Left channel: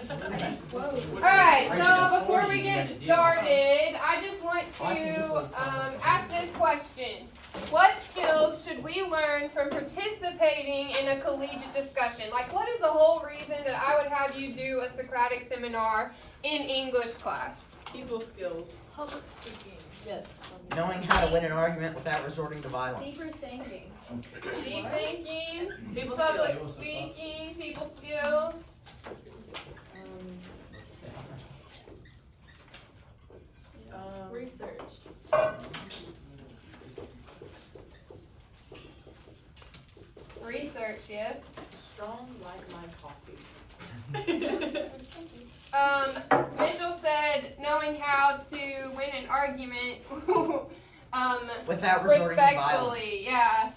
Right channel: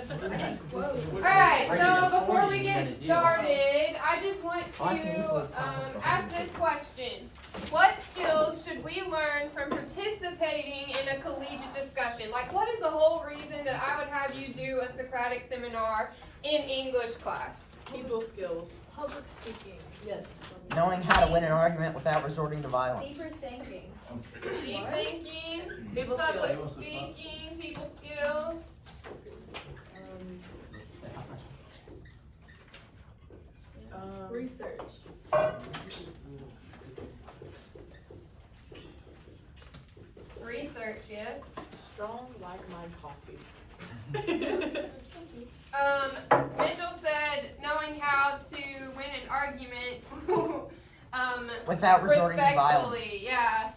Alright, so before we get started, I just want to ask this question. What skills should we learn from participating in a collegiate discussion? Like, what is the whole reason that I would have you do a Socratic Seminar in English class? People skills. Public speaking. Yes. Knowing how to win an argument without resorting to violence. Deeper thinking. Deep thinking, People public skills. speaking, people skills. Research. Research, yes. Strong like my coffee. Mitchell said knowing how to win an argument Without resorting to violence. respectfully, yeah.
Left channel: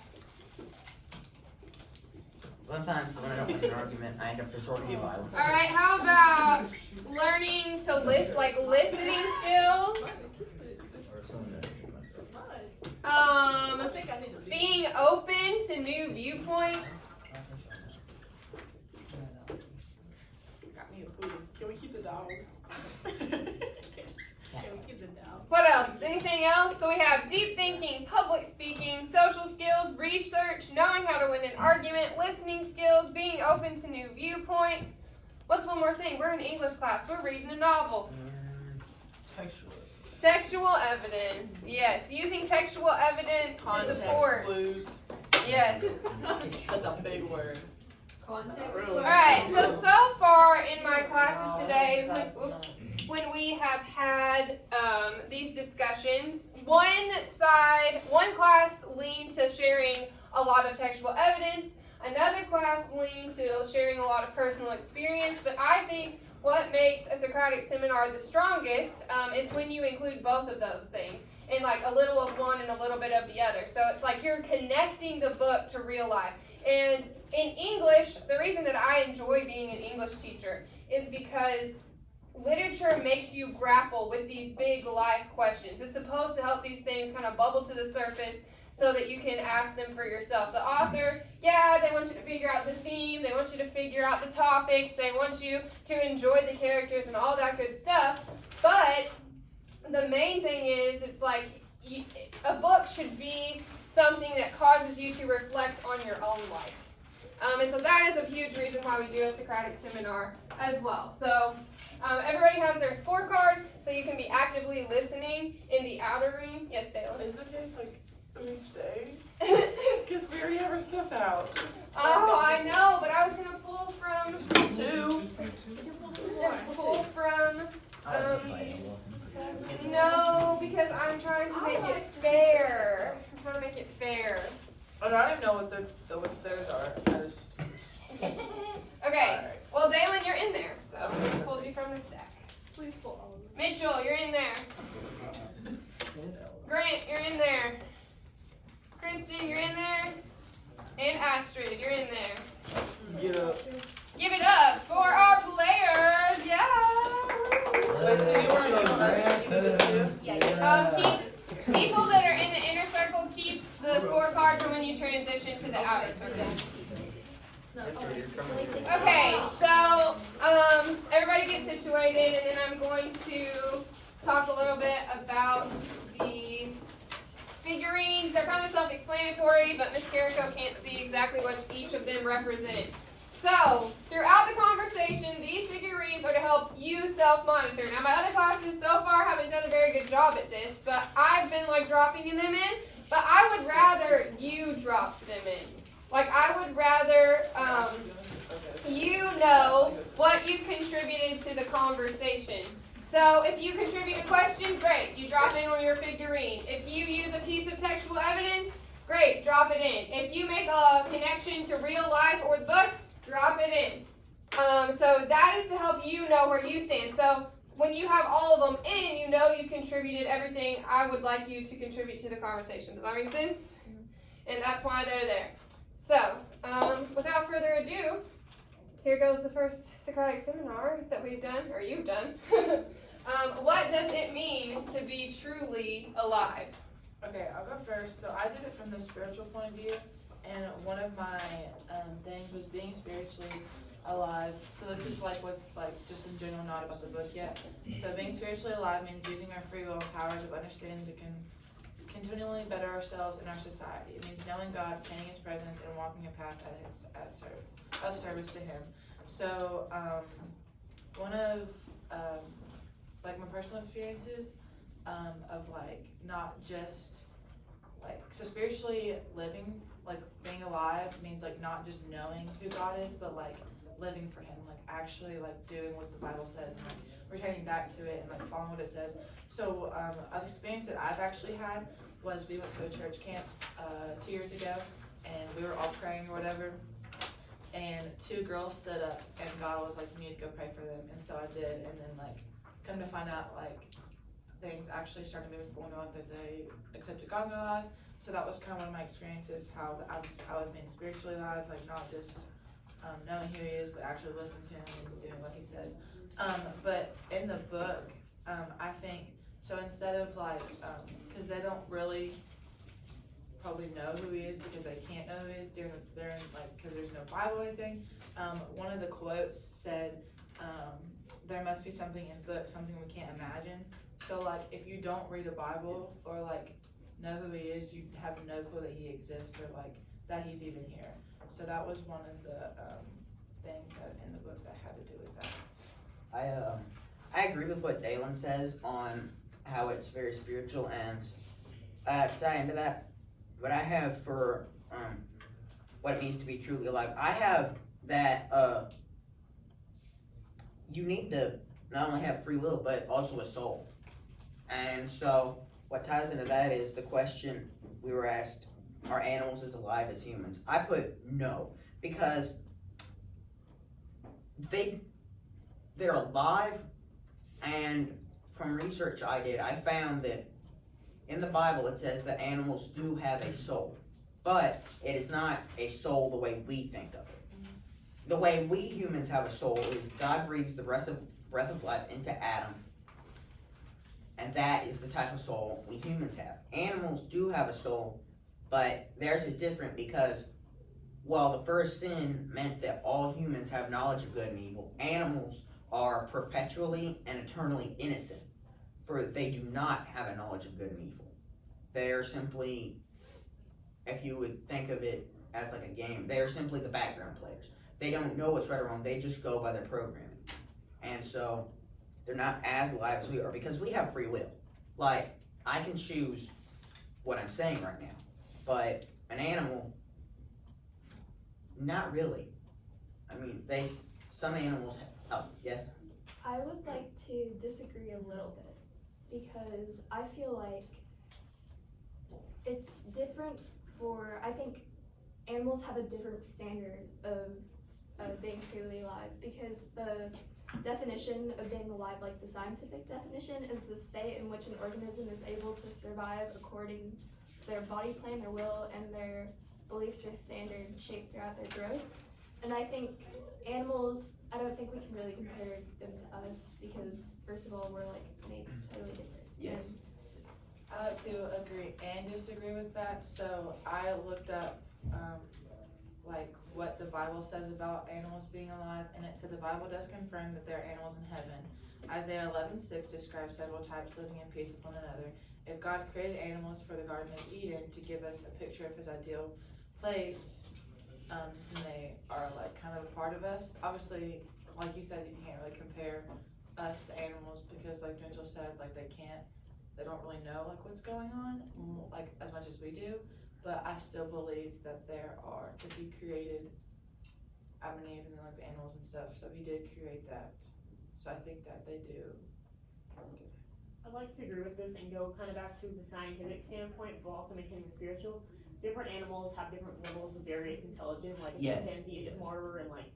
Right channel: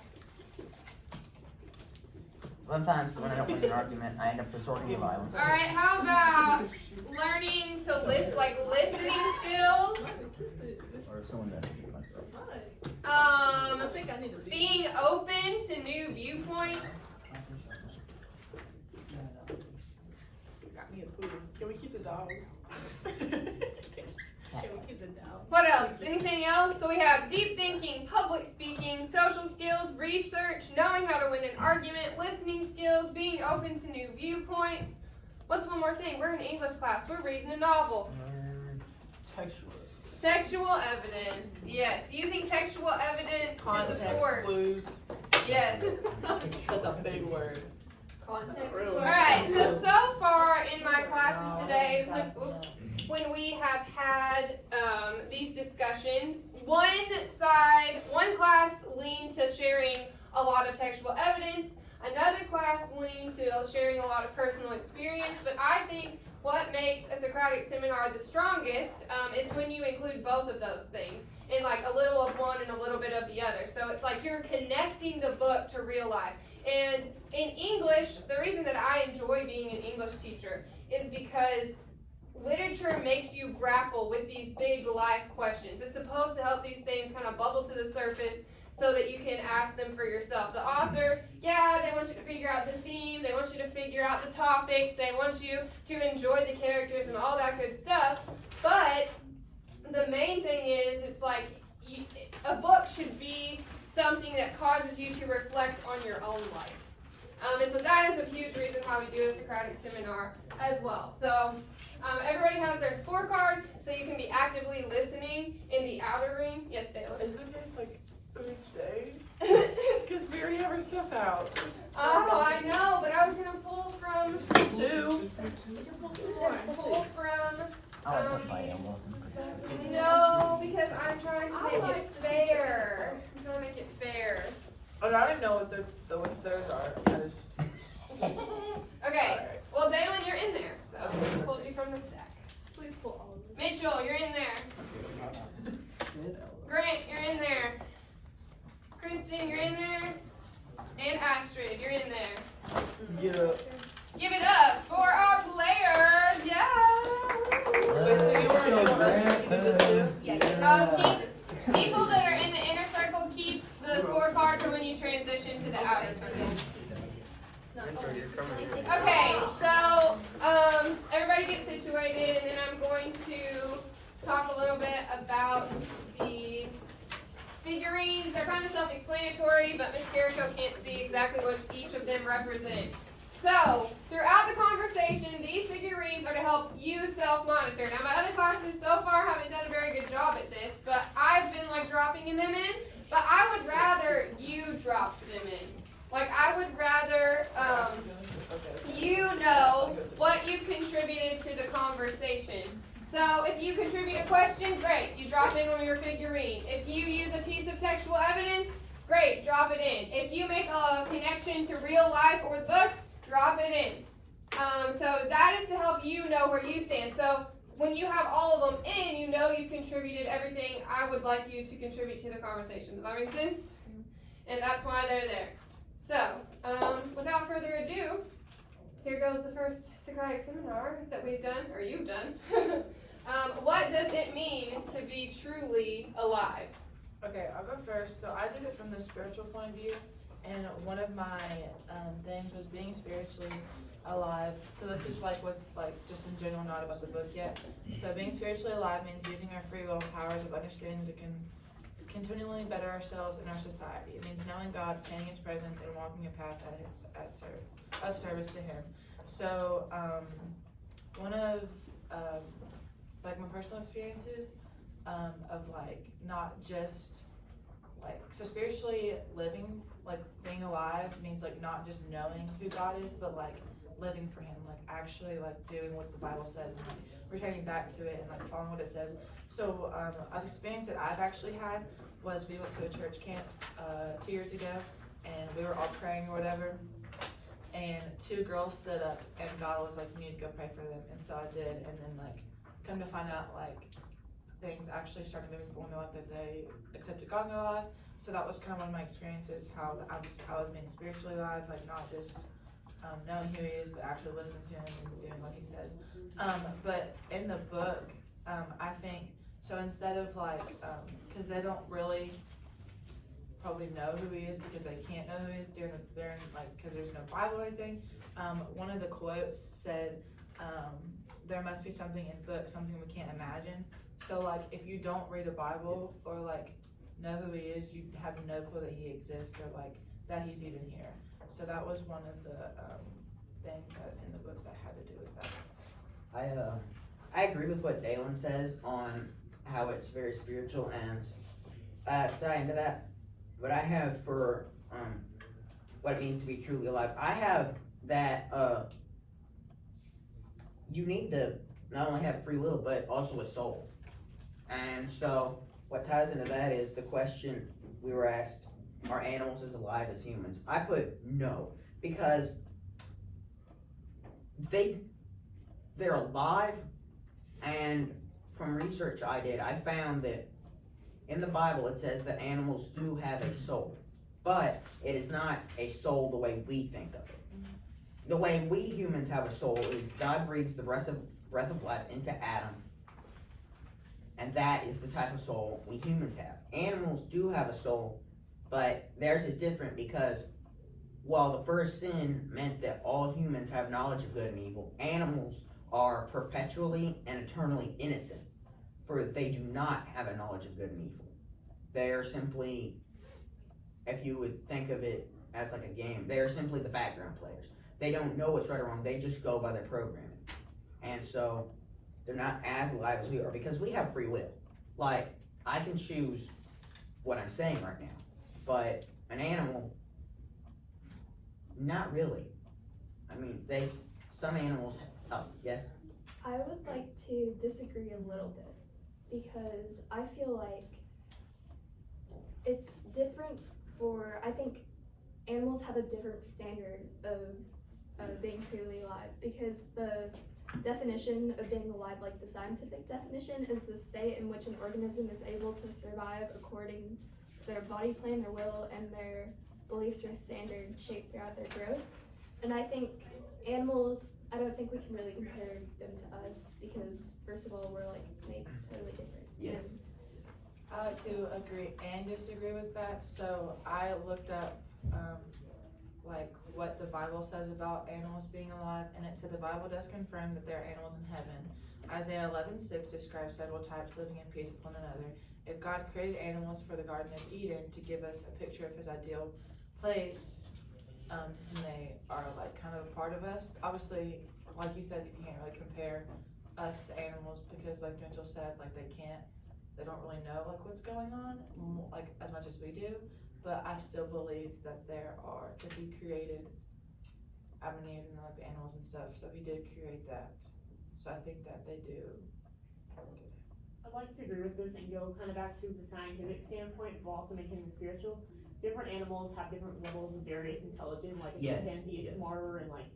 Sometimes when I don't win an argument, I end up resorting to violence. Alright, how about learning to list, like listening skills? I think I need to leave. Being open to new viewpoints. Got me a poodle. Can we keep the dogs? Can we keep it down? What else? Anything else? So we have deep thinking, public speaking, social skills, research, knowing how to win an argument, listening skills, being open to new viewpoints. What's one more thing? We're in English class. We're reading a novel. Textual evidence. Yes, using textual evidence to Context support. clues. Yes. That's a big word. Context. Really? Alright, so far in my classes today, when we have had these discussions, one class leaned to sharing a lot of textual evidence, another class leaned to sharing a lot of personal experience, but I think what makes a Socratic Seminar the strongest is when you include both of those things, in like a little of one and a little bit of the other. So it's like you're connecting the book to real life. And in English, the reason that I enjoy being an English teacher is because literature makes you grapple with these big life questions. It's supposed to help these things kind of bubble to the surface so that you can ask them for yourself. The author, yeah, they want you to figure out the theme, they want you to figure out the topics, they want you to enjoy the characters and all that good stuff, but the main thing is, it's like, a book should be something that causes you to reflect on your own life. And so that is a huge reason why we do a Socratic Seminar as well. So everybody has their scorecard, so you can be actively listening in the outer ring. Yes, Taylor? Is it like, can we stay? Because we already have our stuff out. Oh, I know, but I was going to pull from... Two. Pull from... no, because I'm trying to make it fair. I'm trying to make it fair. Oh, no, I don't even know what theirs are. I just... Okay, well, Dalen, you're in there, so I just pulled you from the stack. Please pull all of them. Mitchell, you're in there. Grant, you're in there. Kristen, you're in there. And Astrid, you're in there. Get up. Give it up for our players. Yeah. Wait, so you want to Keep people that are in the inner circle, keep the scorecard for when you transition to the outer circle. Okay, so everybody get situated, and then I'm going to talk a little bit about the figurines. They're kind of self-explanatory, but Miss Carrico can't see exactly what each of them represent. So, throughout the conversation, these figurines are to help you self-monitor. Now, my other classes so far haven't done a very good job at this, but I've been like dropping them in, but I would rather you drop them in. Like, I would rather you know what you contributed to the conversation. So, if you contribute a question, great, you drop in on your figurine. If you use a piece of textual evidence, great, drop it in. If you make a connection to real life or the book, drop it in. So that is to help you know where you stand. So when you have all of them in, you know you've contributed everything I would like you to contribute to the conversation. Does that make sense? And that's why they're there. So, without further ado, here goes the first Socratic Seminar that we've done, or you've done. What does it mean to be truly alive? Okay, I'll go first. So I did it from the spiritual point of view. and one of my things was being spiritually alive. So this is like with like just in general, not about the book yet. So being spiritually alive means using our free will and powers of understanding to continually better ourselves and our society. It means knowing God, obtaining His presence, and walking a path of service to Him. So one of like my personal experiences of like not just like, so spiritually living, like being alive means like not just knowing who God is, but like living for Him, like actually like doing what the Bible says and like returning back to it and like following what it says. So an experience that I've actually had was we went to a church camp 2 years ago, and we were all praying or whatever, and 2 girls stood up and God was like, you need to go pray for them, and so I did, and then like come to find out like things actually started moving forward in their life, that they accepted God in their life. So that was kind of one of my experiences, how I was being spiritually alive, like not just knowing who He is, but actually listening to Him and doing what He says. But in the book, I think, so instead of like, because they don't really probably know who He is because they can't know who He is during like, because there's no Bible or anything. One of the quotes said, there must be something in the book, something we can't imagine. So like, if you don't read a Bible or like know who He is, you have no clue that He exists or like that He's even here. So that was one of the things that in the book that had to do with that. I agree with what Dalen says on how it's very spiritual, and to tie into that, what I have for what it means to be truly alive, I have that you need to not only have free will but also a soul. And so what ties into that is the question we were asked, are animals as alive as humans? I put no, because they're alive, and from research I did, I found that in the Bible it says that animals do have a soul, but it is not a soul the way we think of it. The way we humans have a soul is God breathes the breath of life into Adam, and that is the type of soul we humans have. Animals do have a soul, but theirs is different because while the first sin meant that all humans have knowledge of good and evil, animals are perpetually and eternally innocent, for they do not have a knowledge of good and evil. They are simply, if you would think of it as like a game, they are simply the background players. They don't know what's right or wrong, they just go by their programming. And so they're not as alive as we are, because we have free will. Like, I can choose what I'm saying right now, but an animal, not really. I mean, some animals, yes? I would like to disagree a little bit, because I feel like it's different I think animals have a different standard of being truly alive, because the definition of being alive, like the scientific definition, is the state in which an organism is able to survive according to their body plan, their will, and their beliefs or standards shaped throughout their growth. And I think animals, I don't think we can really compare them to us, because first of all, we're like made totally different. Yes. And I like to agree and disagree with that. So I looked up like what the Bible says about animals being alive, and it said the Bible does confirm that there are animals in heaven. Isaiah 11:6 describes several types living in peace with one another. If God created animals for the Garden of Eden to give us a picture of His ideal place, and they are like kind of a part of us. Obviously, like you said, you can't really compare us to animals, because like Mitchell said, like they don't really know like what's going on like as much as we do. But I still believe that there are, because He created Adam and Eve and like the animals and stuff, so He did create that. So I think that they do probably do. I'd like to agree with this and go kind of back to the scientific standpoint, but also making it spiritual. Different animals have different levels of various intelligence, like a chimpanzee is smarter and like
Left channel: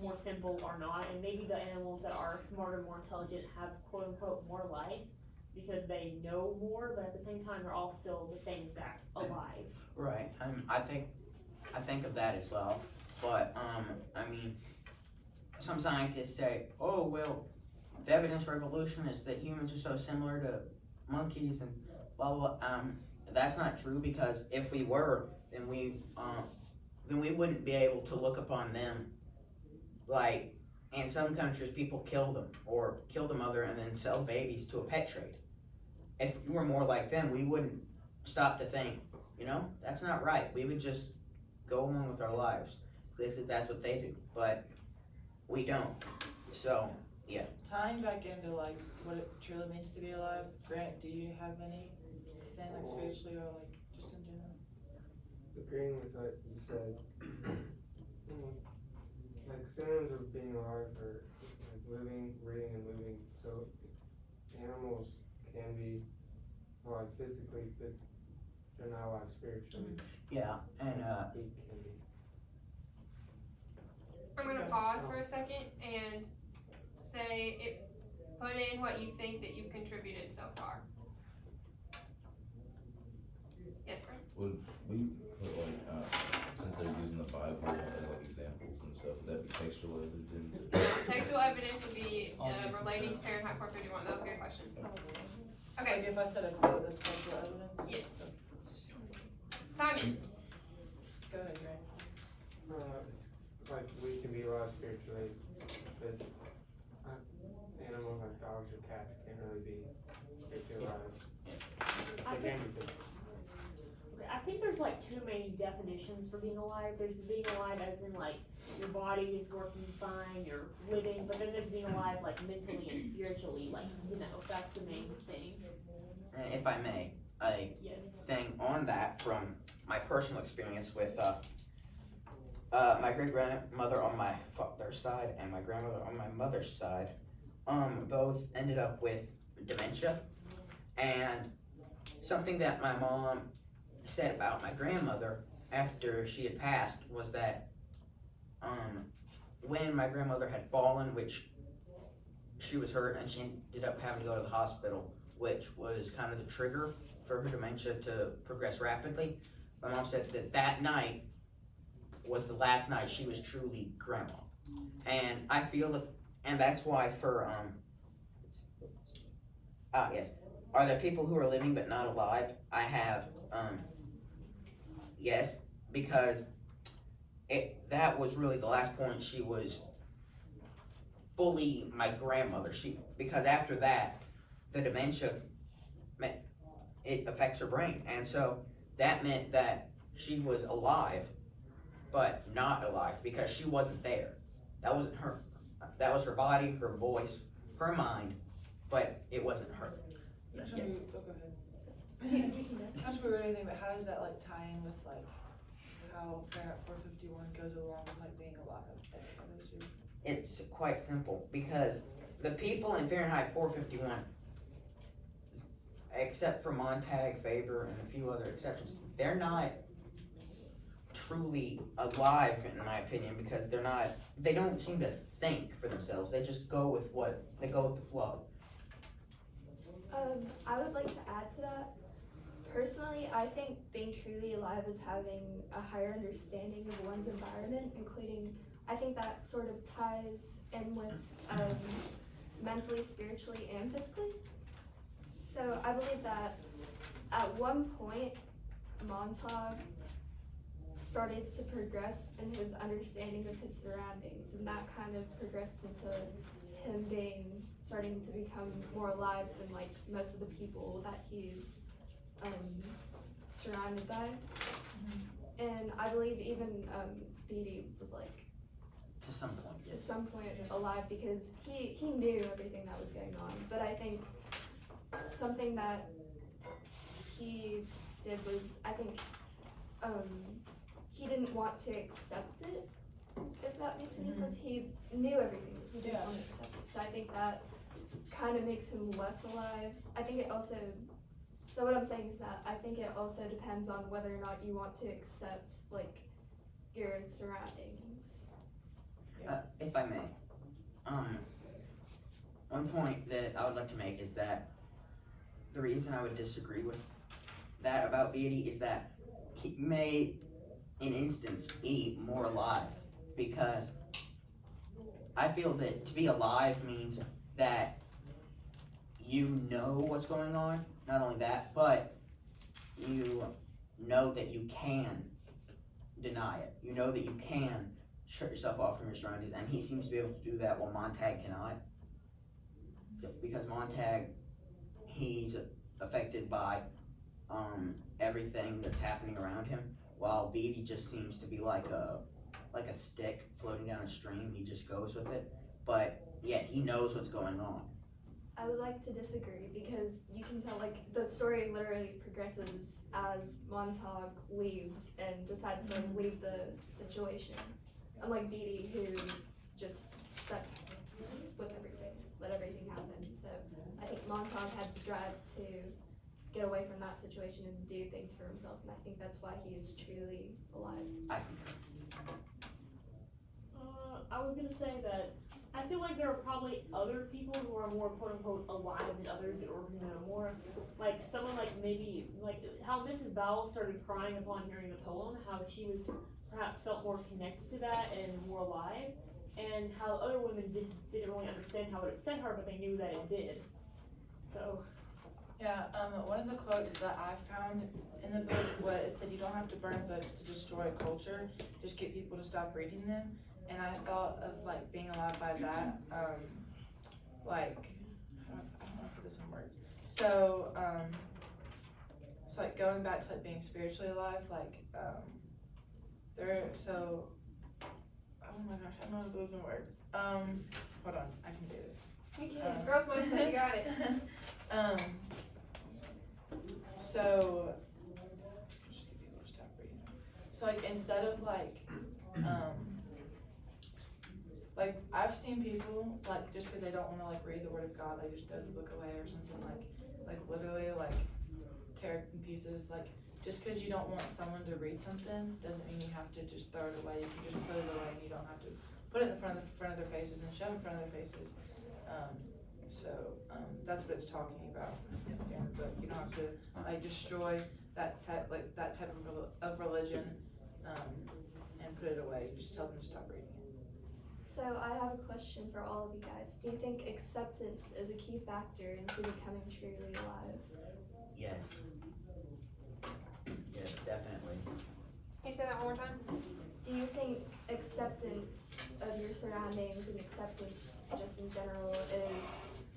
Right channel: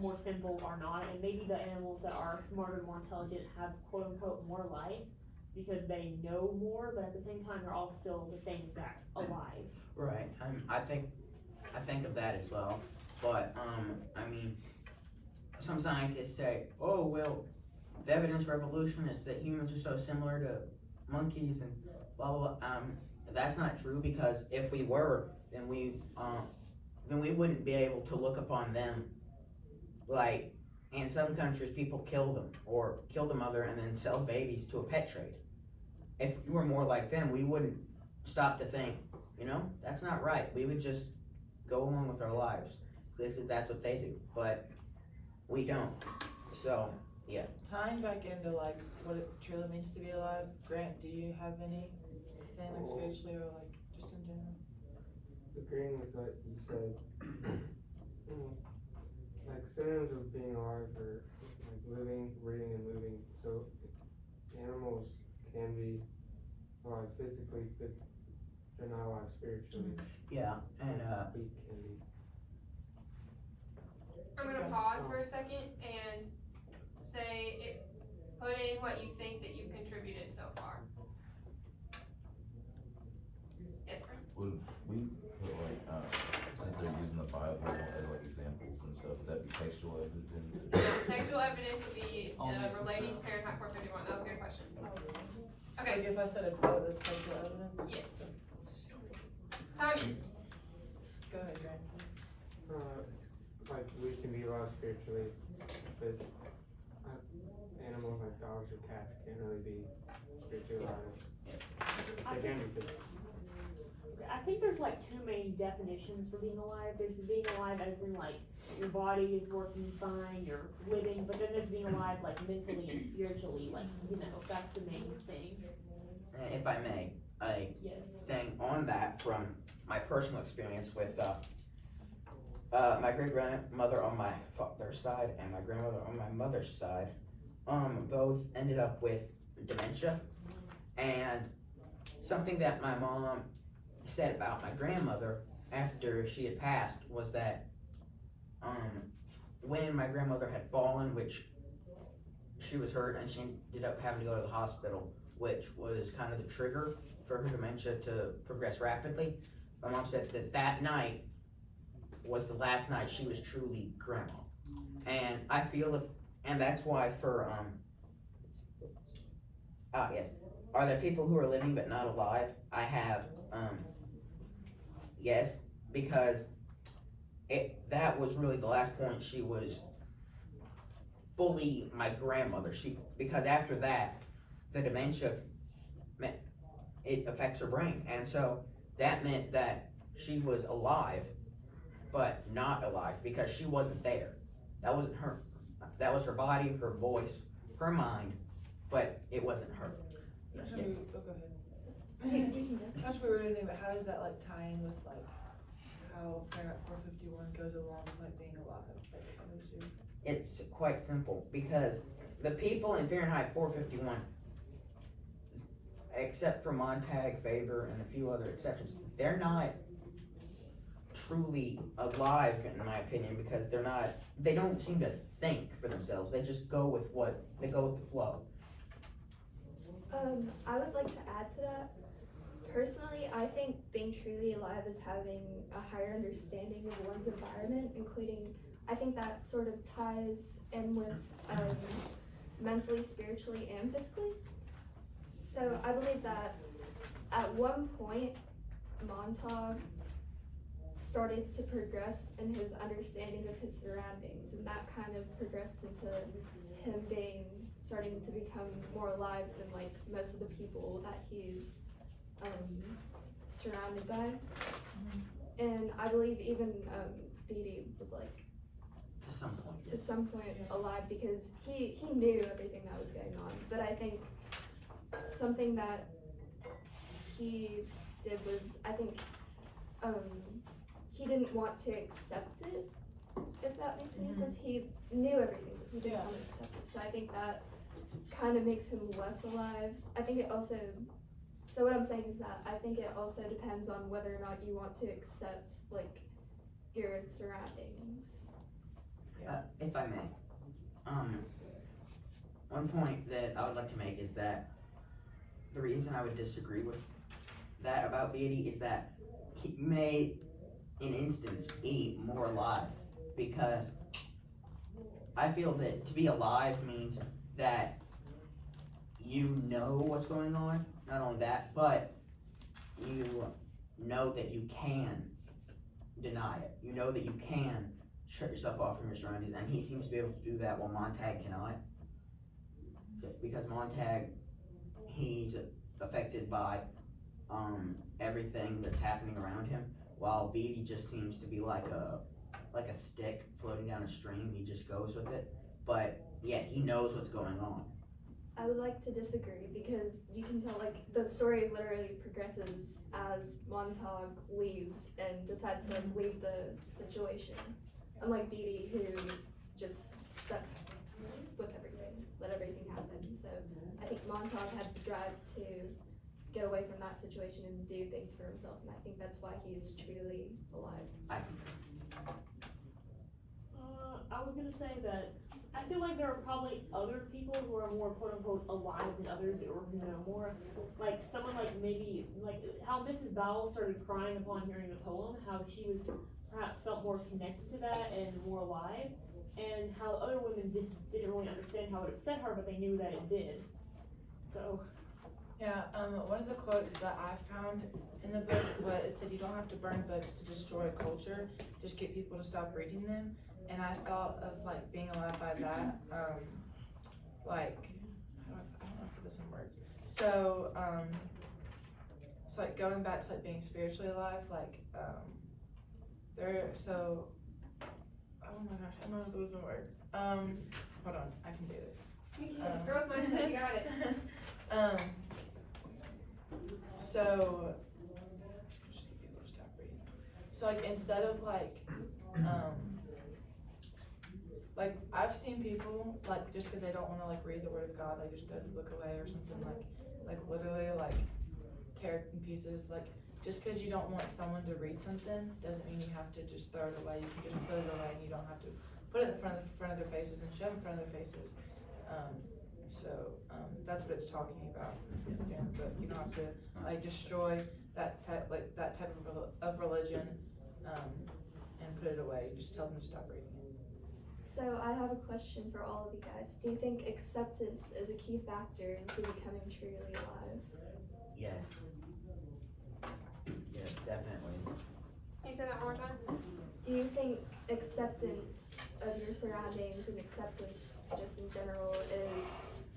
more simple or not, and maybe the animals that are smarter and more intelligent have quote unquote more life because they know more, but at the same time they're all still the same exact alive. Right. I think of that as well. But I mean, some scientists say, oh well, the evidence for evolution is that humans are so similar to monkeys and blah blah blah. That's not true, because if we were, then we then we wouldn't be able to look upon them like, in some countries people kill them or kill the mother and then sell babies to a pet trade. If we were more like them, we wouldn't stop to think, you know, that's not right. We would just go along with our lives. That's what they do, but we don't. So, yeah. Tying back into like what it truly means to be alive, Grant, do you have anything like spiritually or like just in general? Agreeing with what you said, like synonyms of being alive are like living, breathing, and moving. So animals can be alive physically, but they're not alive spiritually. Yeah, and We can be. I'm gonna pause for a second and say put in what you think that you've contributed so far. Yes, Brent? Would we put like, since they're using the Bible as like examples and stuff, would that be textual evidence? Textual evidence would be relating to Fahrenheit 451. That was a good question. Okay. Like if I said a quote that's textual evidence? Yes. Timing. Go ahead, Grant. Like we can be alive spiritually, but animals like dogs or cats can't really be spiritually alive. They can be physical. I think there's like two main definitions for being alive. There's being alive as in like your body is working fine, you're living, but then there's being alive like mentally and spiritually, like, you know, that's the main thing. and if I may, a Yes. thing on that from my personal experience with my great grandmother on my father's side and my grandmother on my mother's side, both ended up with dementia. And something that my mom said about my grandmother after she had passed was that when my grandmother had fallen, which she was hurt and she ended up having to go to the hospital, which was kind of the trigger for her dementia to progress rapidly, my mom said that that night was the last night she was truly grandma. And I feel that, and that's why for yes, are there people who are living but not alive? I have yes, because that was really the last point she was fully my grandmother. Because after that, the dementia it affects her brain, and so that meant that she was alive but not alive because she wasn't there. That wasn't her. That was her body, her voice, her mind, but it wasn't her. That's gonna be, oh, go ahead. You can go. That's what we're doing, but how does that like tie in with like how Fahrenheit 451 goes along with like being alive? Like, how does your... It's quite simple because the people in Fahrenheit 451, except for Montag, Faber, and a few other exceptions, they're not truly alive in my opinion because they don't seem to think for themselves. They just go with the flow. I would like to add to that. Personally, I think being truly alive is having a higher understanding of one's environment, including, I think that sort of ties in with mentally, spiritually, and physically. So I believe that at one point, Montauk started to progress in his understanding of his surroundings, and that kind of progressed into him starting to become more alive than like most of the people that he's surrounded by. And I believe even Beatty was like to some point alive because he knew everything that was going on. But I think something that he did was, I think he didn't want to accept it, if that makes any sense. He knew everything, but he didn't want to accept it. So I think that kind of makes him less alive. I think it also, so what I'm saying is that I think it also depends on whether or not you want to accept like your surroundings. If I may, one point that I would like to make is that the reason I would disagree with that about Beatty is that he may, in instance, be more alive, because I feel that to be alive means that you know what's going on. Not only that, but you know that you can deny it. You know that you can shut yourself off from your surroundings, and he seems to be able to do that while Montag cannot. Because Montag, he's affected by everything that's happening around him, while Beatty just seems to be like a stick floating down a stream. He just goes with it, but yet he knows what's going on. I would like to disagree because you can tell, like, the story literally progresses as Montauk leaves and decides to, like, leave the situation. Unlike Beatty, who just stuck with everything, let everything happen. So I think Montauk had the drive to get away from that situation and do things for himself, and I think that's why he is truly alive. I was gonna say that I feel like there are probably other people who are more quote unquote alive than others, or more like someone like maybe like how Mrs. Bowell started crying upon hearing the poem, how she was perhaps felt more connected to that and more alive, and how other women just didn't really understand how it upset her, but they knew that it did. So. Yeah, one of the quotes that I found in the book was it said you don't have to burn books to destroy a culture, just get people to stop reading them. And I thought of like being alive by that, like I don't know how to put this in words. So it's like going back to like being spiritually alive, like so oh my gosh, I don't know how to put this in words. Hold on, I can do this. You can. Growth mindset, you got it. So just get people to stop reading. So like instead of like I've seen people like just because they don't want to like read the Word of God, like just throw the book away or something, like literally like tear it in pieces. Like just because you don't want someone to read something doesn't mean you have to just throw it away. You can just put it away and you don't have to put it in front of their faces and shove it in front of their faces. That's what it's talking about in the book. You don't have to like destroy that type of religion and put it away. You just tell them to stop reading it. So I have a question for all of you guys. Do you think acceptance is a key factor into becoming truly alive? Yes. Yes, definitely. Can you say that one more time? Do you think acceptance of your surroundings and acceptance just in general is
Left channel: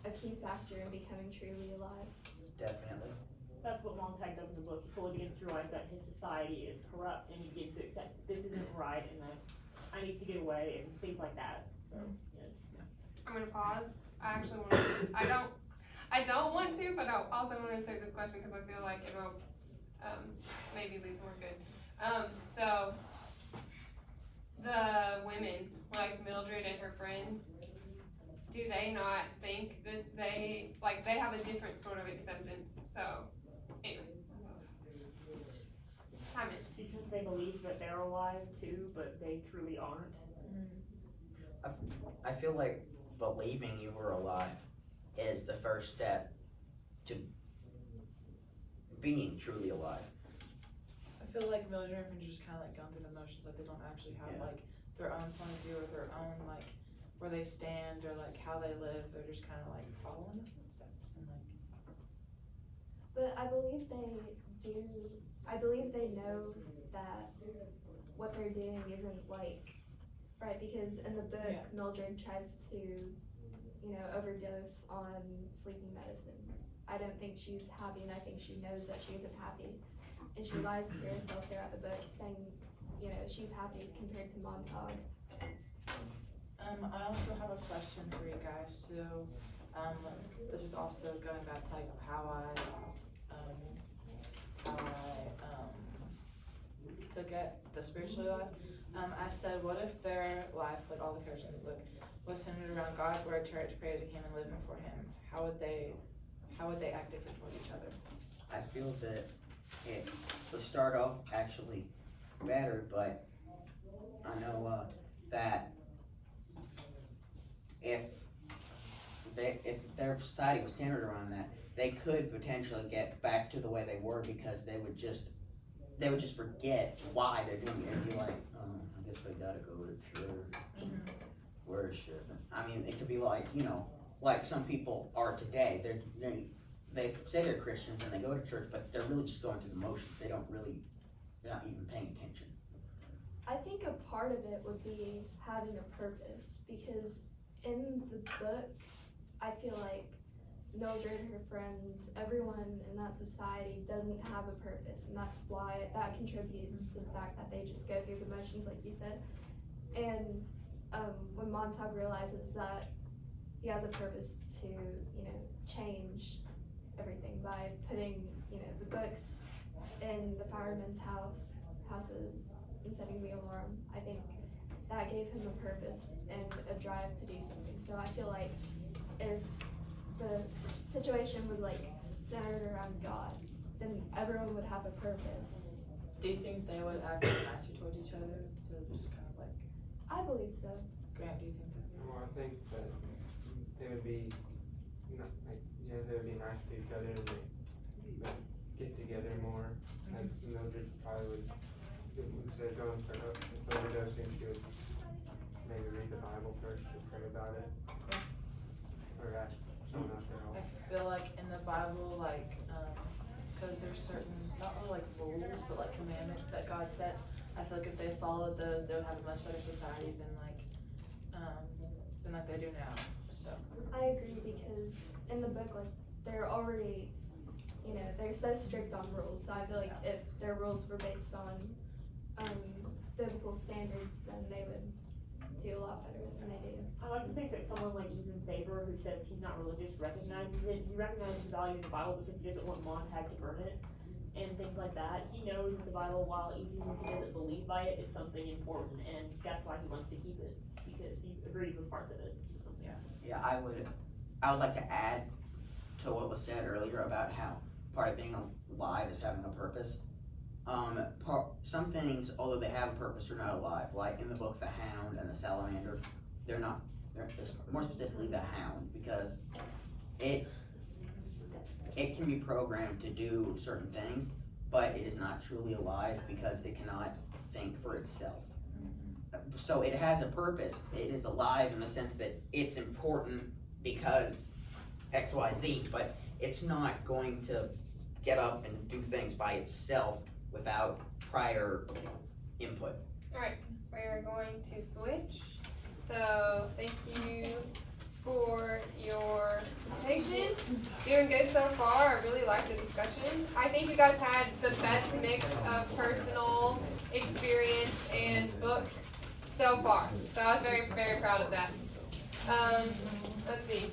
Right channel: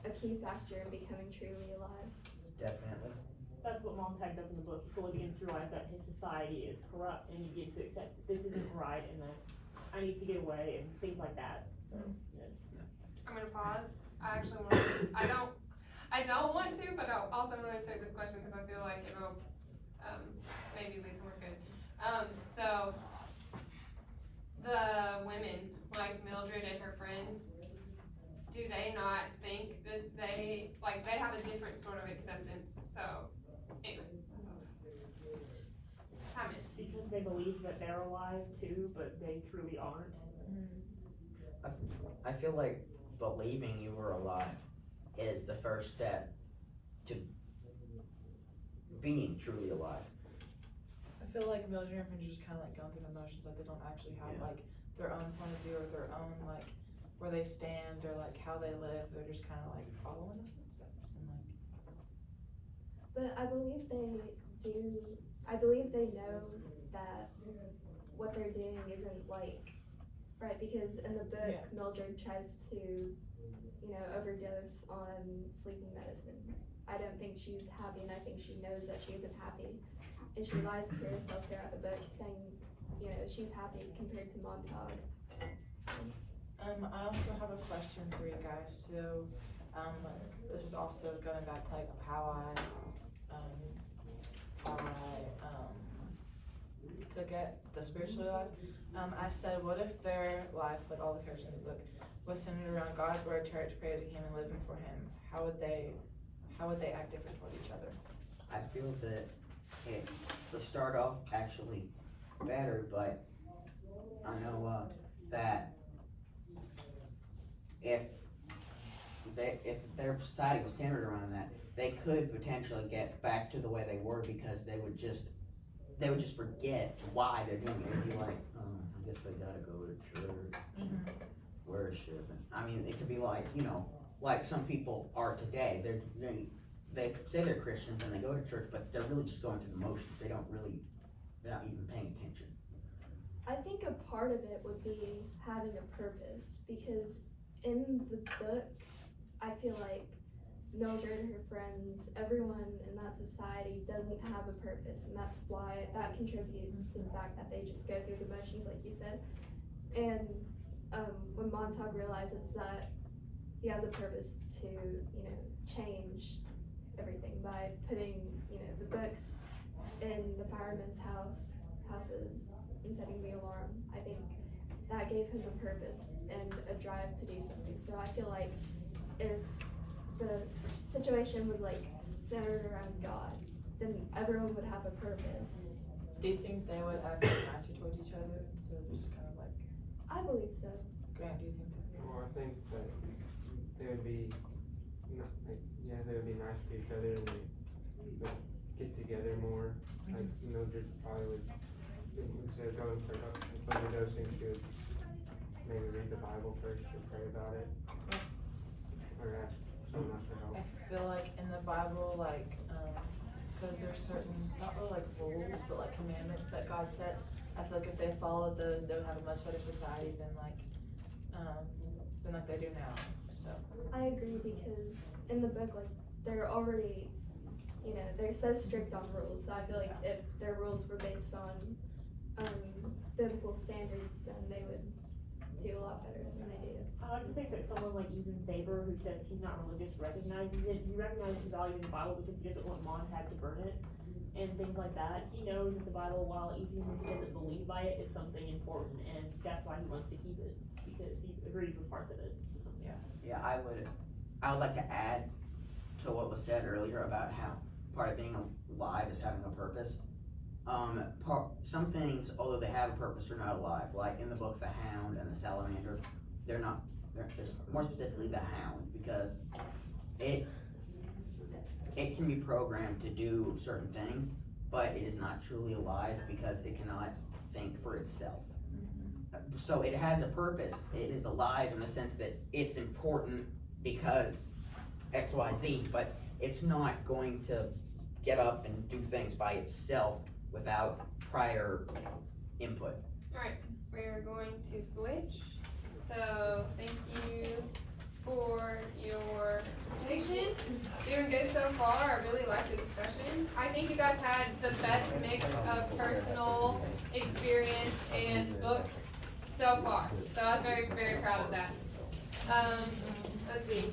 a key factor in becoming truly alive? Definitely. That's what Montag does in the book. He slowly begins to realize that his society is corrupt, and he begins to accept this isn't right, and that I need to get away, and things like that. So yes. I'm gonna pause. I actually want to. I don't want to, but I also want to answer this question because I feel like it will maybe lead somewhere good. So the women like Mildred and her friends, do they not think that they have a different sort of acceptance? So anyway. Because they believe that they're alive too, but they truly aren't. I feel like believing you were alive is the first step to being truly alive. I feel like Mildred and her friends are just kind of like going through the motions, like they don't actually have like their own point of view or their own like where they stand or like how they live. They're just kind of like following the footsteps and like. But I believe they do. I believe they know that what they're doing isn't like right, because in the book Mildred tries to, overdose on sleeping medicine. I don't think she's happy, and I think she knows that she isn't happy, and she lies to herself throughout the book, saying, she's happy compared to Montauk. I also have a question for you guys. So, this is also going back to like how I took it, the spiritual life. I said, what if their life, like all the characters in the book, was centered around God's word, church, prayers of Him, and living for Him? How would they act different toward each other? I feel that it would start off actually better, but I know that if their society was centered around that, they could potentially get back to the way they were, because they would just forget why they're doing it. They'd be like, I guess I gotta go to church, worship. I mean, it could be like, like some people are today. They say they're Christians and they go to church, but they're really just going through the motions. They're not even paying attention. I think a part of it would be having a purpose, because in the book, I feel like Mildred, her friends, everyone in that society doesn't have a purpose, and that's why that contributes to the fact that they just go through the motions, like you said. And when Montauk realizes that he has a purpose to, change everything by putting, the books in the firemen's houses and setting the alarm, I think that gave him a purpose and a drive to do something. So I feel like if the situation was like centered around God, then everyone would have a purpose. Do you think they would act nicer towards each other instead of just kind of like? I believe so. Grant, do you think that? Well, I think that they would be, they would be nice to each other, and they would get together more. Like Mildred probably would, instead of going for overdosing, she would maybe read the Bible first or pray about it, or ask someone else for help. I feel like in the Bible, because there's certain, not really like rules, but like commandments that God set. I feel like if they followed those, they would have a much better society than they do now. So I agree, because in the book, like, they're already, they're so strict on rules. So I feel like if their rules were based on biblical standards, then they would do a lot better than they do. I like to think that someone like Ethan Faber, who says he's not religious, recognizes it. He recognizes the value of the Bible because he doesn't want Montag to burn it and things like that. He knows that the Bible, while even if he doesn't believe by it, is something important, and that's why he wants to keep it, because he agrees with parts of it. Yeah, I would like to add to what was said earlier about how part of being alive is having a purpose. Some things, although they have a purpose, are not alive. Like in the book, the hound and the salamander, they're not. It's more specifically the hound, because it can be programmed to do certain things, but it is not truly alive because it cannot think for itself. So it has a purpose. It is alive in the sense that it's important because X, Y, Z, but it's not going to get up and do things by itself without prior input. Alright, we're going to switch. So, thank you for your presentation. Doing good so far. I really like the discussion. I think you guys had the best mix of personal experience and book so far. So I was very, very proud of that. Let's see.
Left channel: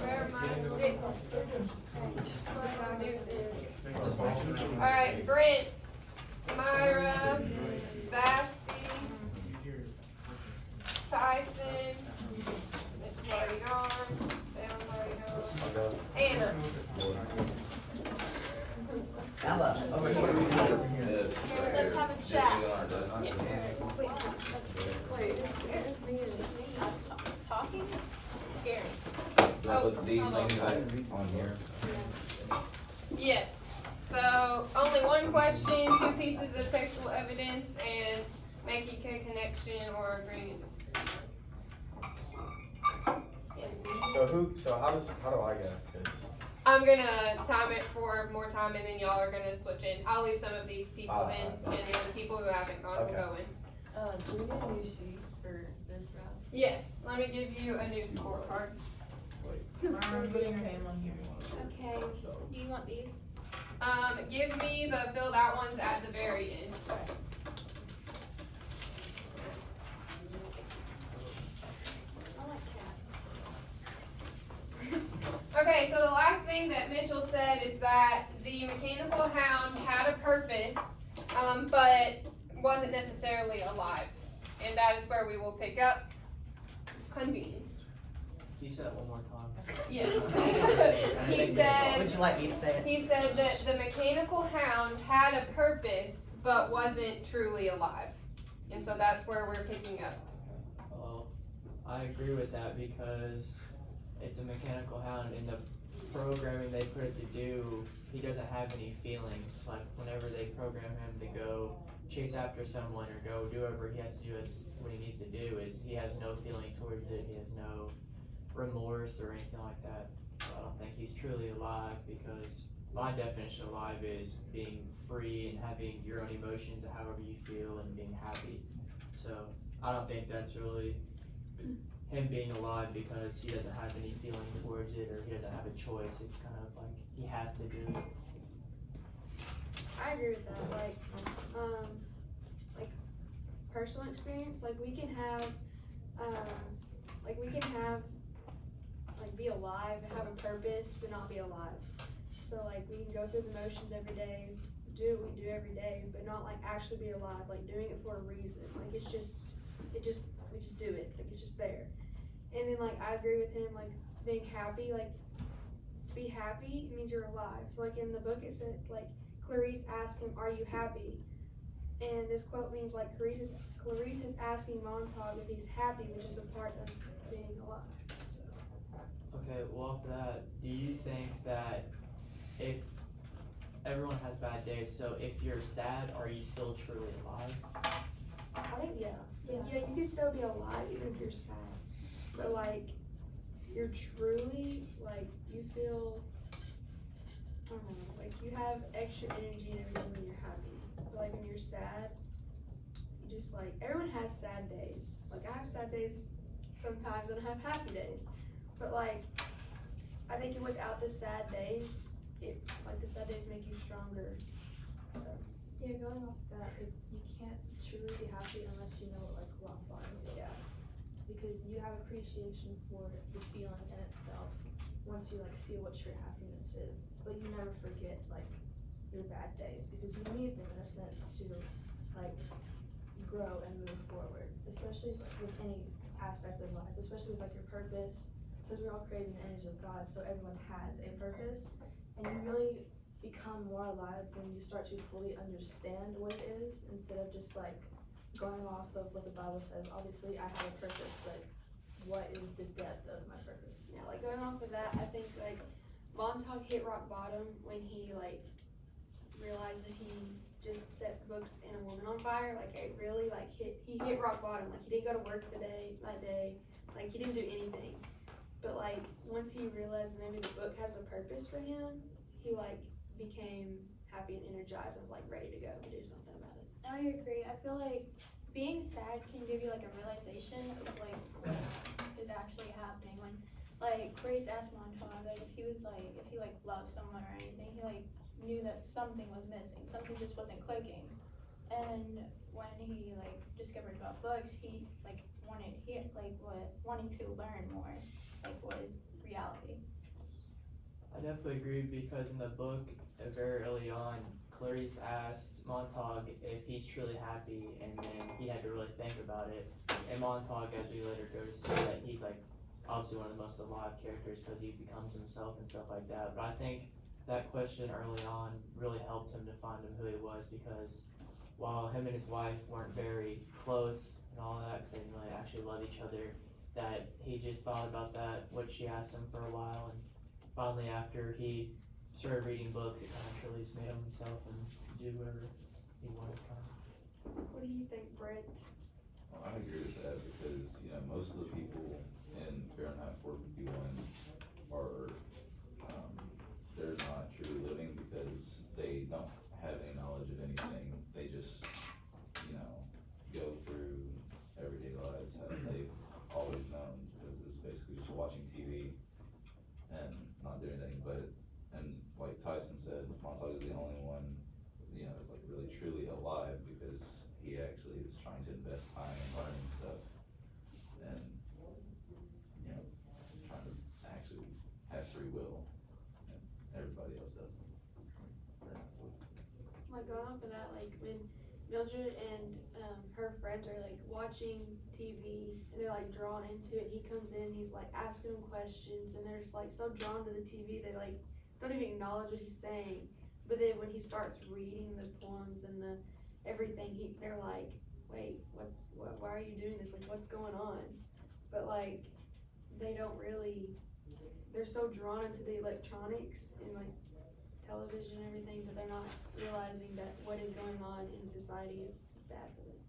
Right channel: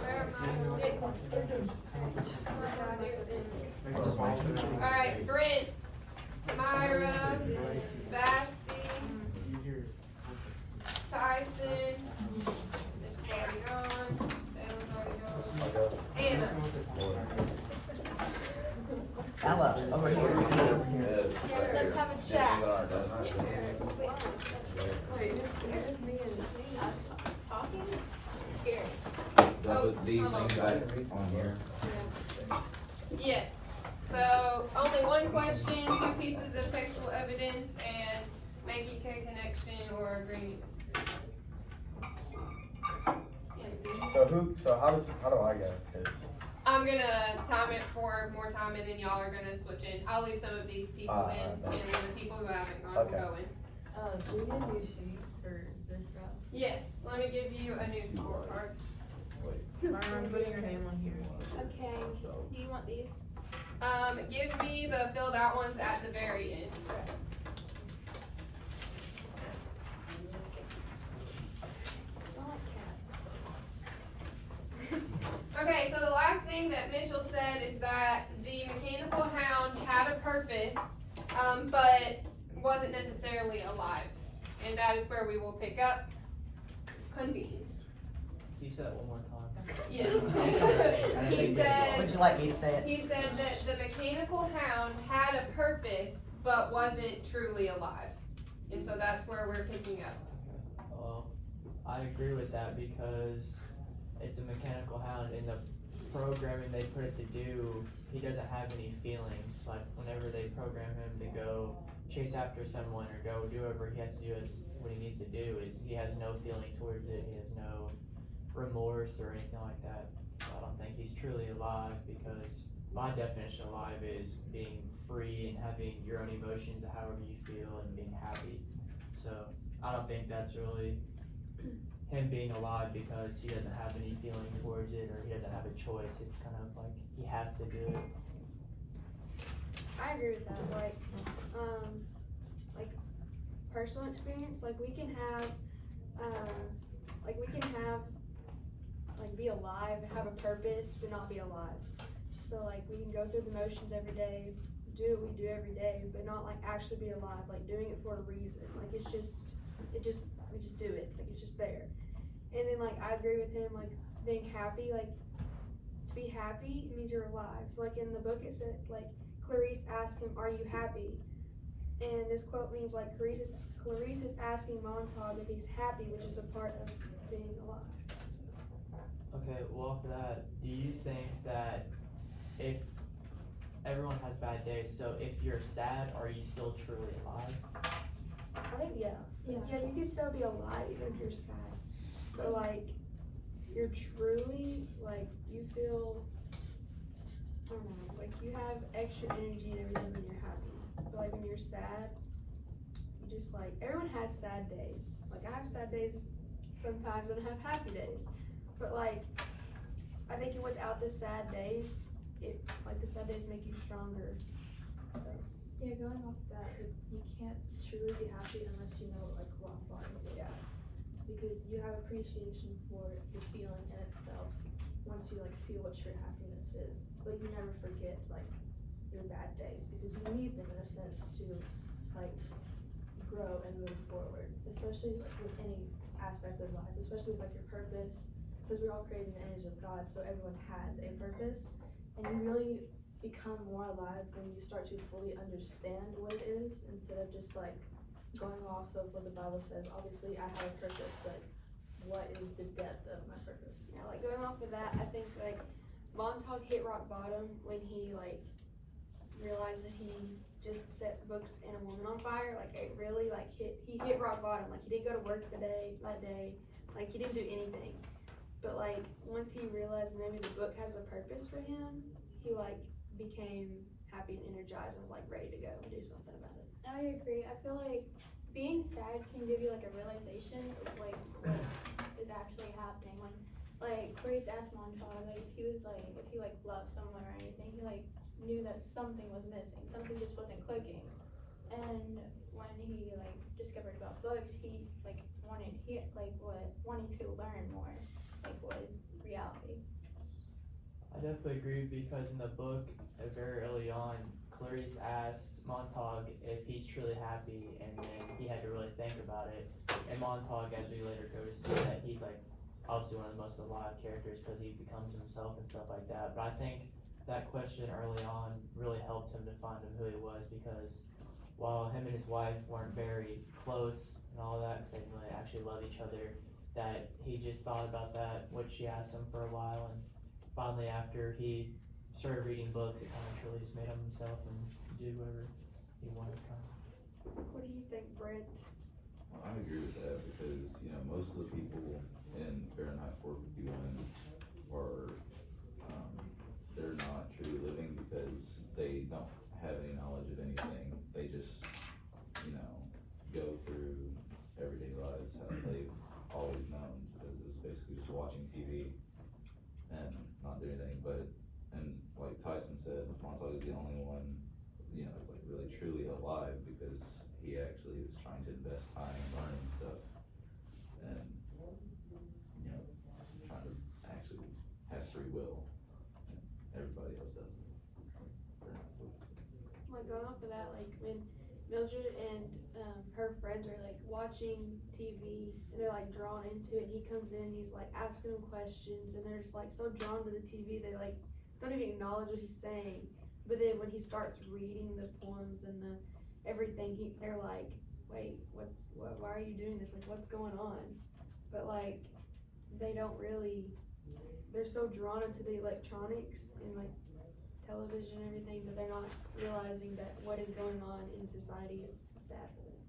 Where are my sticks? Alright, Brent, Myra, Basti, Tyson, Mitch's already gone, Dale's already gone, Anna. Ella, over here. Let's have a chat. Wait, is it just me and talking? Scary. But these things on here. Yes. So only one question, 2 pieces of textual evidence, and making a connection or agreeing to disagree. Yes. So how do I go? 'Cause I'm gonna time it for more time, and then y'all are gonna switch in. I'll leave some of these people in, and then the people who haven't gone will go in. Do we get a new sheet for this round? Yes. Let me give you a new scorecard. I'm putting your name on here. Okay. Do you want these? Give me the filled out ones at the very end. Okay, so the last thing that Mitchell said is that the mechanical hound had a purpose, but wasn't necessarily alive. And that is where we will pick up. Convene. Can you say that one more time? Yes. Would He said, you like me to say it? he said that the mechanical hound had a purpose, but wasn't truly alive. And so that's where we're picking up. Well, I agree with that because it's a mechanical hound. In the programming they put it to do, he doesn't have any feelings. Like whenever they program him to go chase after someone or go do whatever he has to do, what he needs to do is he has no feeling towards it. He has no remorse or anything like that. So I don't think he's truly alive because my definition of alive is being free and having your own emotions however you feel and being happy. So I don't think that's really him being alive because he doesn't have any feeling towards it or he doesn't have a choice. It's kind of like he has to do it. I agree with that. Like personal experience, like we can have, like be alive, have a purpose, but not be alive. So like we can go through the motions every day, do what we do every day, but not like actually be alive, like doing it for a reason. Like we just do it, like it's just there. And then like I agree with him, like being happy, like to be happy means you're alive. So like in the book it said, like Clarice asked him, "Are you happy?" And this quote means like Clarice is asking Montauk if he's happy, which is a part of being alive. Okay, well off of that, do you think that if everyone has bad days, so if you're sad, are you still truly alive? I think yeah, you can still be alive even if you're sad. But like you're truly like you feel, I don't know, like you have extra energy and everything when you're happy. But like when you're sad, you just like everyone has sad days. Like I have sad days sometimes and I have happy days. But like I think without the sad days, the sad days make you stronger. So Yeah, going off that, you can't truly be happy unless you know like rock bottom. yeah. Because you have appreciation for the feeling in itself once you like feel what true happiness is. But you never forget like your bad days because you need them in a sense to like grow and move forward. Especially like with any aspect of life, especially with like your purpose. Because we're all created in the image of God, so everyone has a purpose. And you really become more alive when you start to fully understand what it is instead of just like going off of what the Bible says. Obviously I have a purpose, but what is the depth of my purpose? Yeah, like going off of that, I think like Montauk hit rock bottom when he like realized that he just set books and a woman on fire. Like it really like he hit rock bottom. Like he didn't go to work that day. Like he didn't do anything. But like once he realized maybe the book has a purpose for him, he like became happy and energized and was like ready to go and do something about it. I agree. I feel like being sad can give you like a realization of like what is actually happening. When like Grace asked Montauk like if he like loved someone or anything, he like knew that something was missing, something just wasn't clicking. And when he like discovered about books, he wanting to learn more, like what is reality. I definitely agree because in the book, very early on, Clarice asked Montauk if he's truly happy, and then he had to really think about it. And Montauk, as we later go to see, that he's like obviously one of the most alive characters because he becomes himself and stuff like that. But I think that question early on really helped him to find who he was because while him and his wife weren't very close and all that, because they didn't really actually love each other, that he just thought about that, what she asked him for a while, and finally after he started reading books, it kind of truly just made him himself and do whatever he wanted to kind of. What do you think, Brent? Well, I agree with that because, you know, most of the people in Fahrenheit 451 are, they're not truly living because they don't have any knowledge of anything. They just, you know, go through everyday lives how they've always known because it's basically just watching TV and not doing anything. But, and like Tyson said, Montauk is the only one, you know, that's like really truly alive because he actually is trying to invest time in learning stuff and, you know, trying to actually have free will. And everybody else doesn't. Like going off of that, like when Mildred and her friends are like watching TV and they're like drawn into it, and he comes in, he's like asking them questions, and they're just like so drawn to the TV they like don't even acknowledge what he's saying. But then when he starts reading the poems and the everything, they're like, wait, why are you doing this? Like what's going on? But like they don't really, they're so drawn into the electronics and like television and everything, but they're not realizing that what is going on in society is bad for them.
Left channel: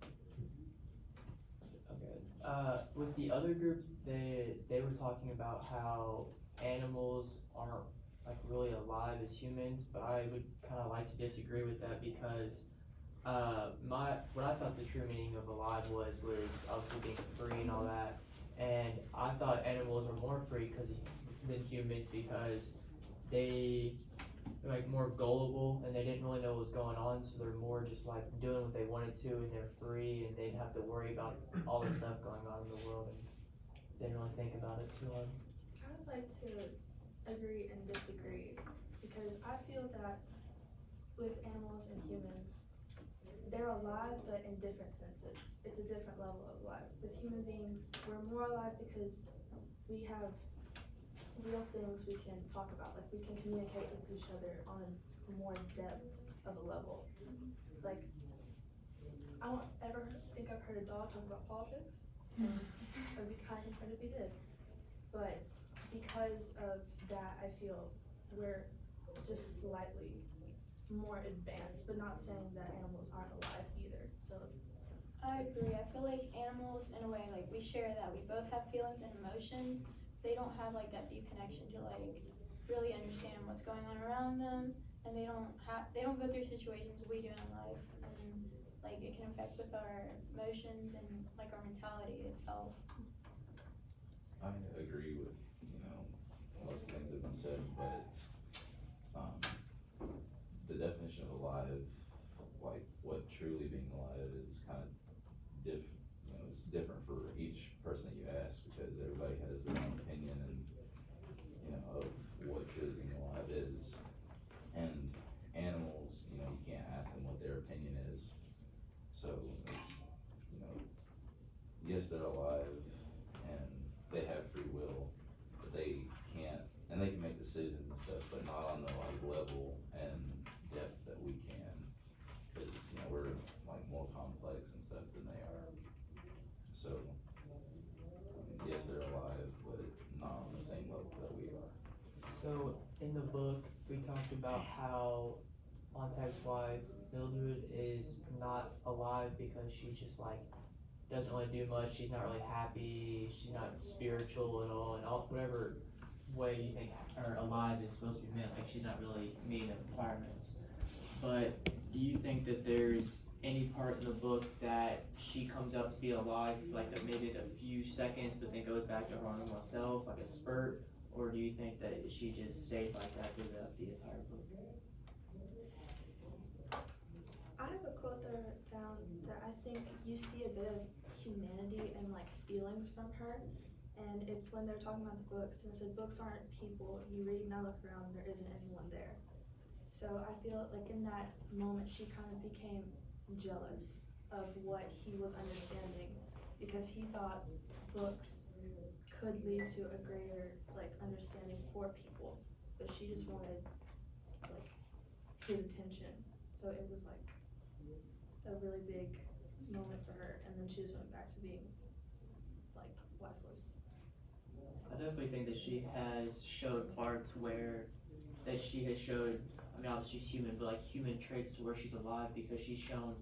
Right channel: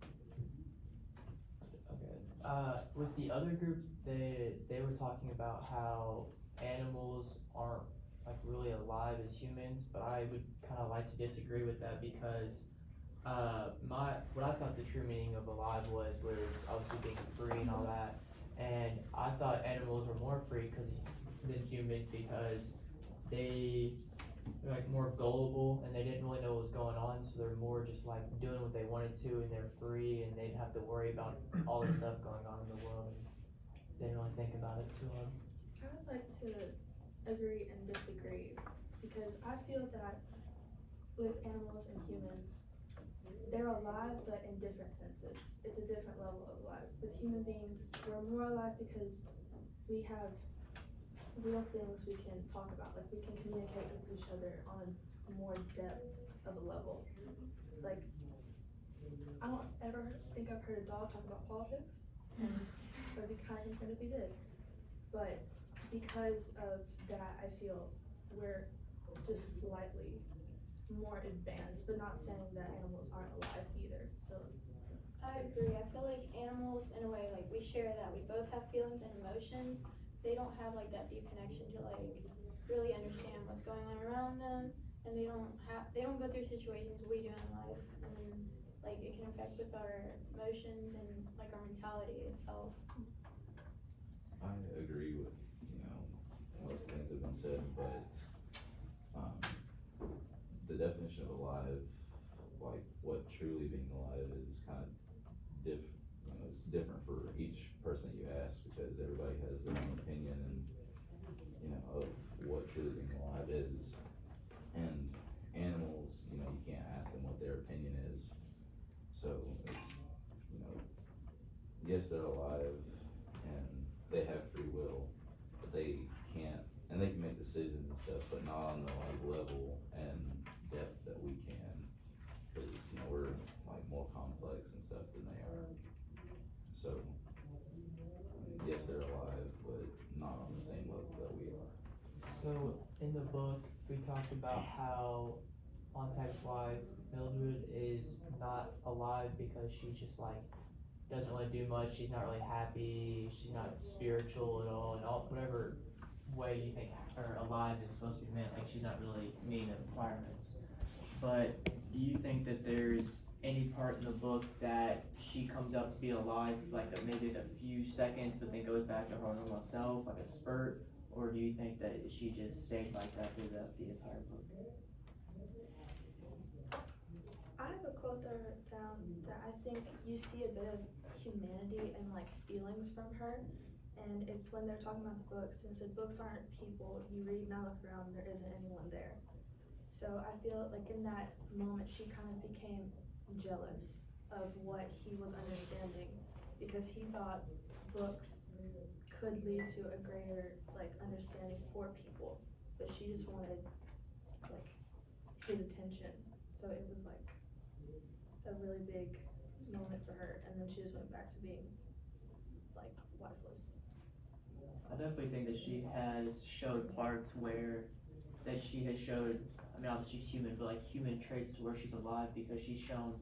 Okay. With the other group, they were talking about how animals aren't like really alive as humans, but I would kind of like to disagree with that because what I thought the true meaning of alive was obviously being free and all that, and I thought animals were more free than humans because they are like more gullible and they didn't really know what was going on, so they're more just like doing what they wanted to and they're free and they didn't have to worry about all the stuff going on in the world and didn't really think about it too hard. I'd like to agree and disagree because I feel that with animals and humans, they're alive but in different senses. It's a different level of life. With human beings, we're more alive because we have real things we can talk about. Like we can communicate with each other on a more depth of a level. Like I don't ever think I've heard a dog talk about politics. I'd be kind of concerned if he did. But because of that, I feel we're just slightly more advanced, but not saying that animals aren't alive either. So I agree. I feel like animals, in a way, like we share that. We both have feelings and emotions. They don't have like that deep connection to like really understand what's going on around them, and they don't go through situations we do in life, and like it can affect with our emotions and like our mentality itself. I agree with, most things that have been said, but, the definition of alive, like what truly being alive is kind of it's different for each person that you ask because everybody has their own opinion and, of what truly being alive is. And animals, you can't ask them what their opinion is. So it's, yes, they're alive and they have free will, but they can't, and they can make decisions and stuff, but not on the like level and depth that we can, because we're like more complex and stuff than they are. So yes, they're alive, but not on the same level that we are. So in the book, we talked about how Montag's wife Mildred is not alive because she just like doesn't really do much. She's not really happy. She's not spiritual at all, and whatever way you think or alive is supposed to be meant. Like she's not really meeting the requirements. But do you think that there's any part in the book that she comes out to be alive, like maybe a few seconds, but then goes back to her normal self, like a spurt? Or do you think that she just stayed like that throughout the entire book? I have a quote that I wrote down that I think you see a bit of humanity and like feelings from her, and it's when they're talking about the books, and it said books aren't people, you read and I look around, there isn't anyone there. So I feel like in that moment she kind of became jealous of what he was understanding because he thought books could lead to a greater like understanding for people, but she just wanted like his attention. So it was like a really big moment for her, and then she just went back to being like lifeless. I definitely think that she has showed parts where that she has showed, I mean obviously she's human, but like human traits to where she's alive because she's shown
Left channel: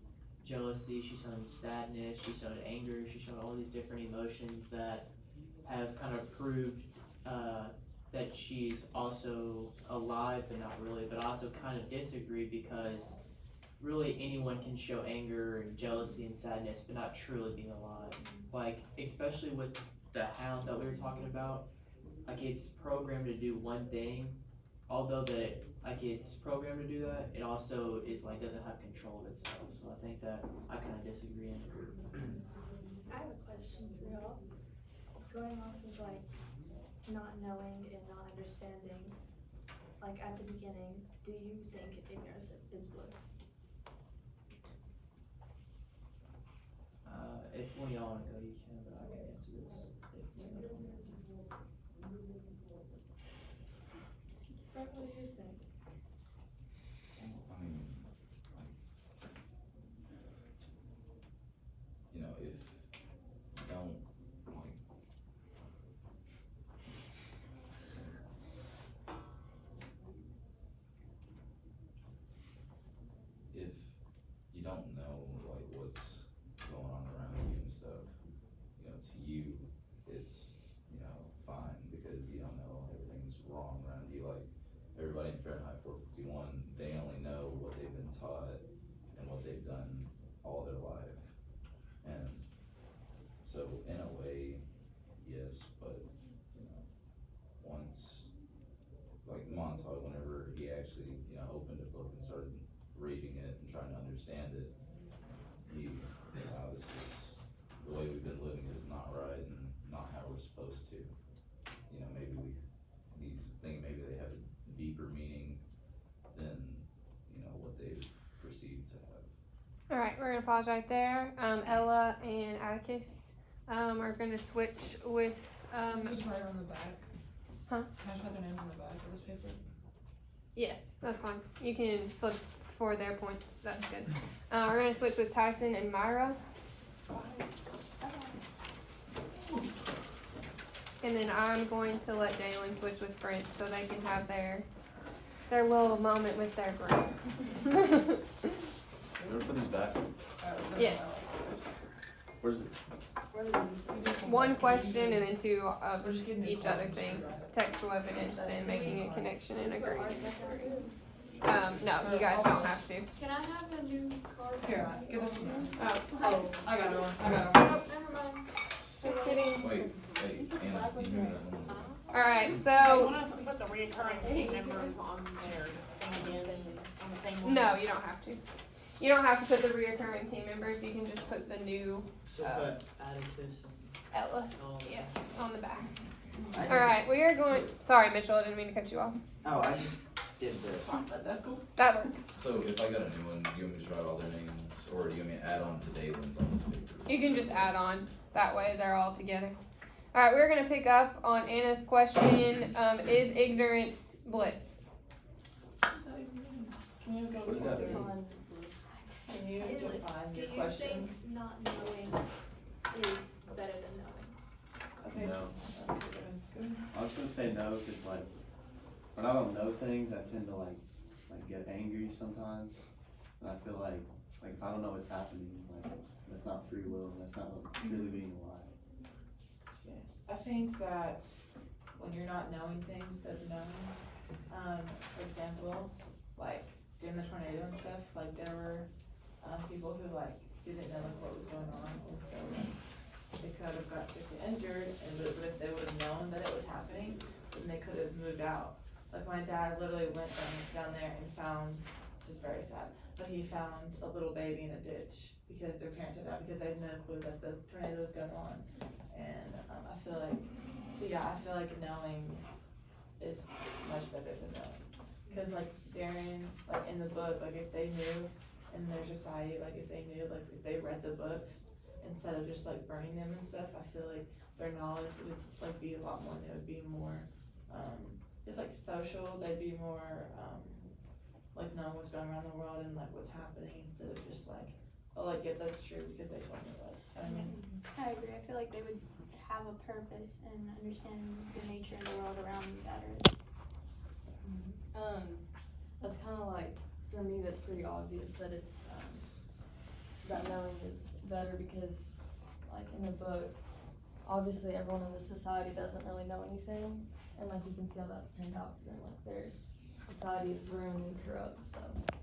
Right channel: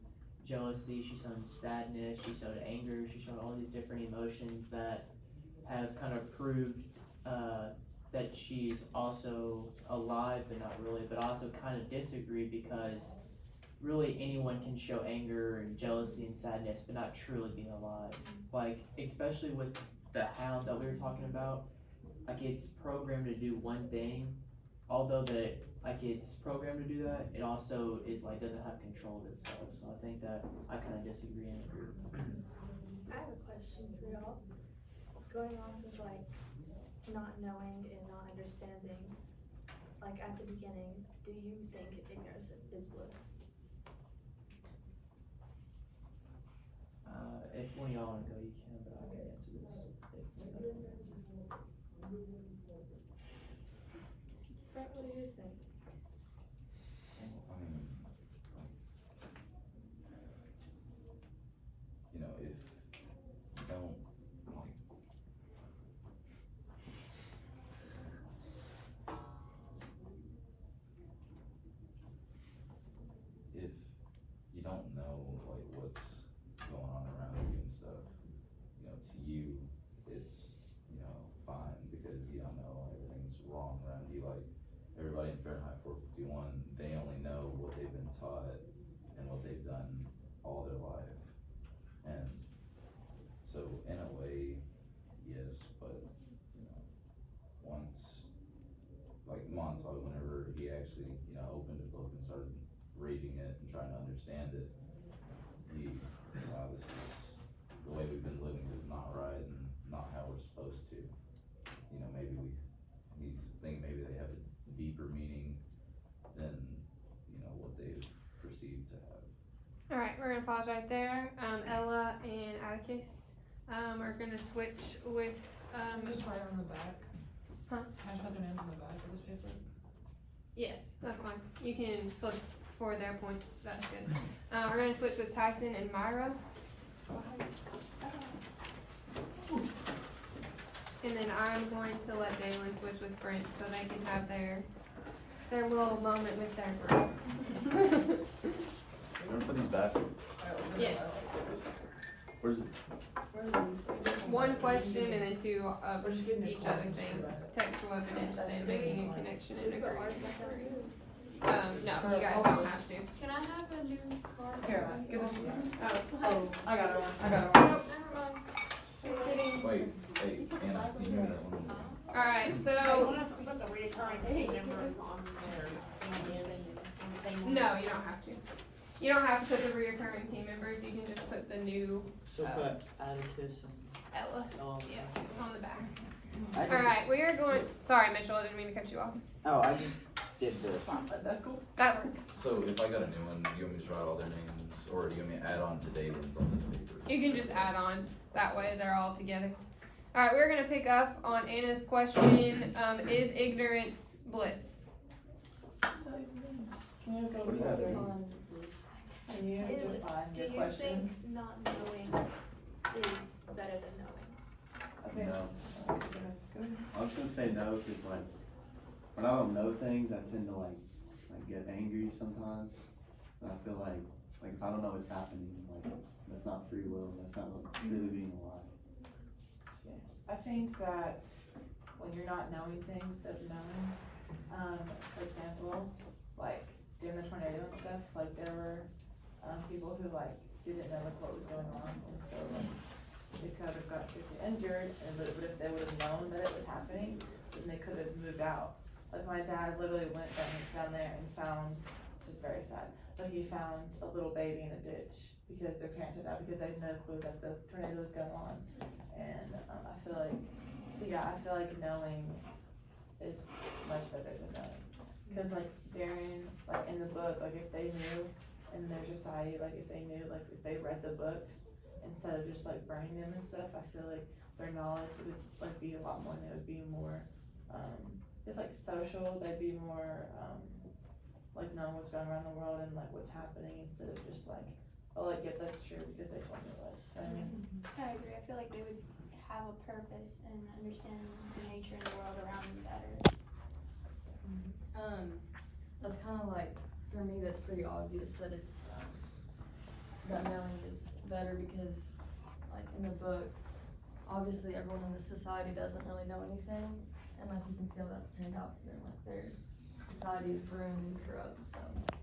jealousy, she's shown sadness, she's shown anger, she's shown all these different emotions that have kind of proved that she's also alive but not really, but I also kind of disagree because really anyone can show anger and jealousy and sadness but not truly be alive. Like especially with the hound that we were talking about, like it's programmed to do one thing, although that like it's programmed to do that, it also is like doesn't have control of itself. So I think that I kind of disagree and agree with that. I have a question for y'all. Going off of like not knowing and not understanding, like at the beginning, do you think ignorance is bliss? If one of y'all want to go, you can, but I can answer this. If one of y'all want to answer. Brett, what do you think? I mean, like, if you don't, like, if you don't know, like, what's going on around you and stuff, to you, it's, fine, because you don't know everything's wrong around you, like, gonna pause right there. Ella and Atticus are gonna switch with Can I just write on the back? Huh? Can I just write their names on the back of this paper? yes, that's fine. You can flip for their points. That's good. We're gonna switch with Tyson and Myra. And then I'm going to let Dalen switch with Brent so they can have their little moment with their group. Remember put these back? Yes. Where's it? One question and then two of We're just getting each other thing. Textual evidence and making a connection and agreement. No, you guys don't have to. Can I have a new card? Here, give us one. Oh, I got one. I got one. Nope, never mind. just kidding. Wait, hey, Anna, can you hear that one? Alright, I so, want us to put the reoccurring team members on there and again, on the same one. no, you don't have to. You don't have to put the reoccurring team members, you can just put the new So put Atticus Ella, and Ella. yes, on the back. I just- Alright, we are going, sorry Mitchell, I didn't mean to cut you off. Oh, I just did the, That works. So if I got a new one, you want me to write all their names, or do you want me to add on to Dalen's on this paper? You can just add on, that way they're all together. Alright, we're gonna pick up on Anna's question, is ignorance bliss? Can you go What does that further? mean? Can you Is, define do your you question? think not knowing is better than knowing? Okay. No. Go ahead. I was gonna say no, cause like, when I don't know things, I tend to like get angry sometimes. And I feel like if I don't know what's happening, like, that's not free will, that's not really being alive. I think that when you're not knowing things that are known, for example, like during the tornado and stuff, like there were people who like didn't know like what was going on, and so like they could have got seriously injured, and but if they would have known that it was happening, then they could have moved out. Like my dad literally went down there and found, just very sad, but he found a little baby in a ditch because their parents had died because they had no clue that the tornado was going on. And I feel like, so yeah, I feel like knowing is much better than knowing. Cause like Darren, like in the book, like if they knew in their society, like if they knew, like if they read the books instead of just like burning them and stuff, I feel like their knowledge would like be a lot more, and they would be more, it's like social, they'd be more, like knowing what's going around the world and like what's happening instead of just like, oh like, yep, that's true because they told me it was, you know what I mean? I agree. I feel like they would have a purpose and understand the nature and the world around them better. That's kind of like, for me, that's pretty obvious that it's, that knowing is better because, like, in the book, obviously everyone in the society doesn't really know anything, and like, you can see how that's turned out, and like, their society is ruined and corrupt, so.